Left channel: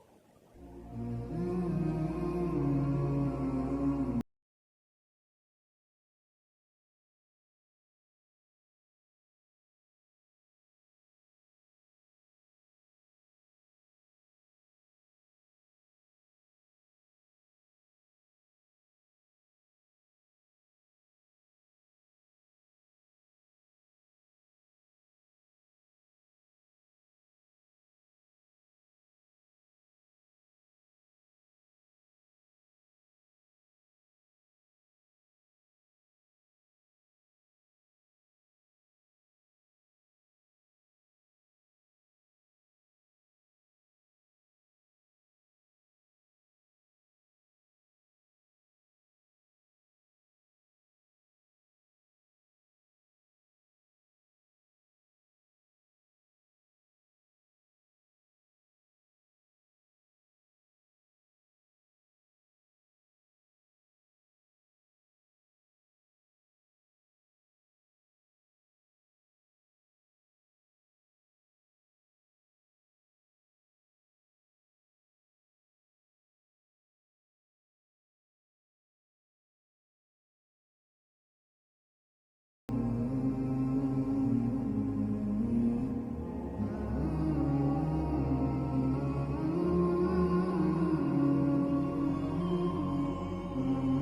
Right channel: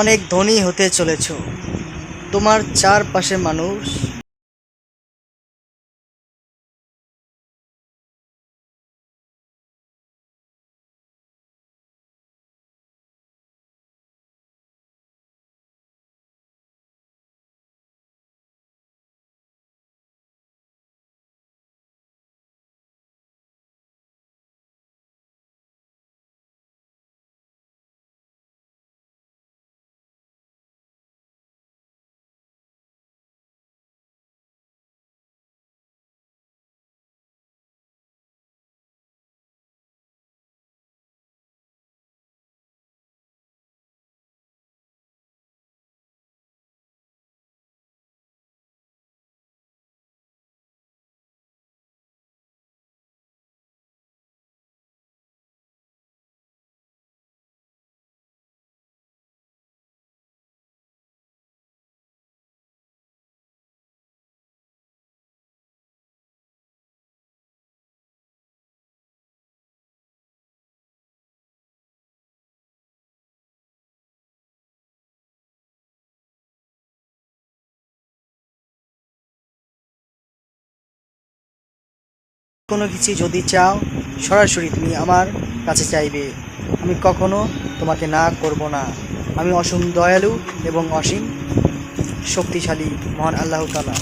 অনেক ধনী হতে চলেছো। তোমার চারপাশে মানুষ কোনো কিছু যদি চাও সরাসরি তুমি আমার কাছে চাইবে। আমি কখনো তোমাকে না করব না। আমি অসীম দয়ালু এবং অসীম শক্তিশালী মহান আল্লাহ তাআলা।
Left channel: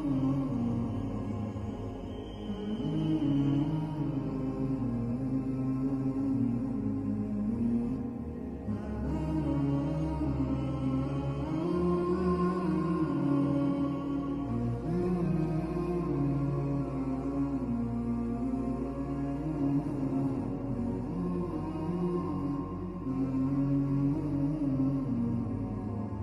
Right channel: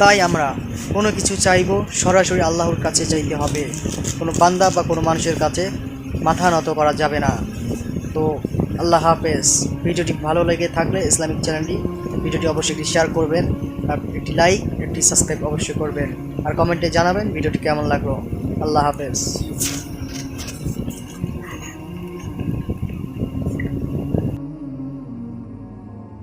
তাই আমরা কোনো কিছু চাইবো সরাসরি আল্লাহর কাছে চাইতে হবে। কোনো বান্দা বা কোনো মানুষের কাছে মাথা নত করা যাবে না। তো আল্লাহ হাফেজ। ভিডিওটি ভালো লেগে থাকলে ইসলামিক চ্যানেলটি ভিডিওটি অবশ্যই একটি শেয়ার করবেন, আর একটি লাইক একটি সাবস্ক্রাইব অবশ্যই করবেন, আর কমেন্টে জানাবেন ভিডিওটি কেমন লাগলো। আল্লাহ হাফেজ।